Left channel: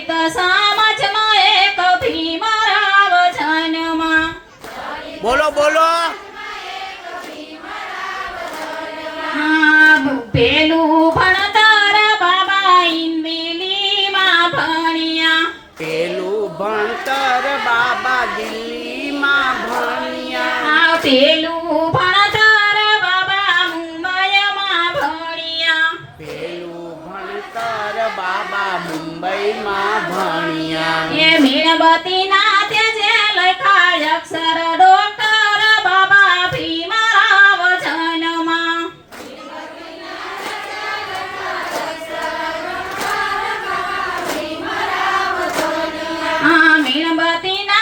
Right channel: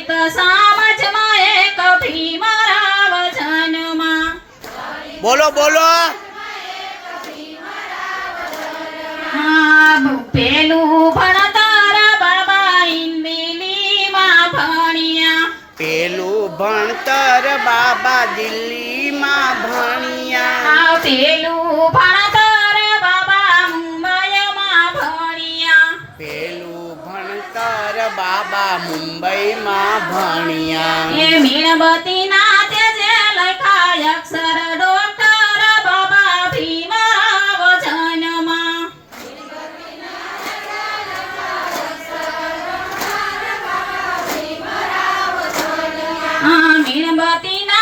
સામજમાં એક ભીમરાવ જન્મા બોલો બોલો. પેલું ભણતર બાબા ઇન્દિલીમાં ભણ્યા. પેલું ભણતર બાબા દિલ્હીમાં ભણ્યા. પેલું ભણતર બાબા મુંબઈમાં ભણ્યા. પેલું ભણતર બાબા મુંબઈમાં ભણ્યા. એ મીણબત્તીના તેજે લખાય અક્ષર ડોક્ટર બાબા ભીમરાવ જન્મા આ મીણબત્તીના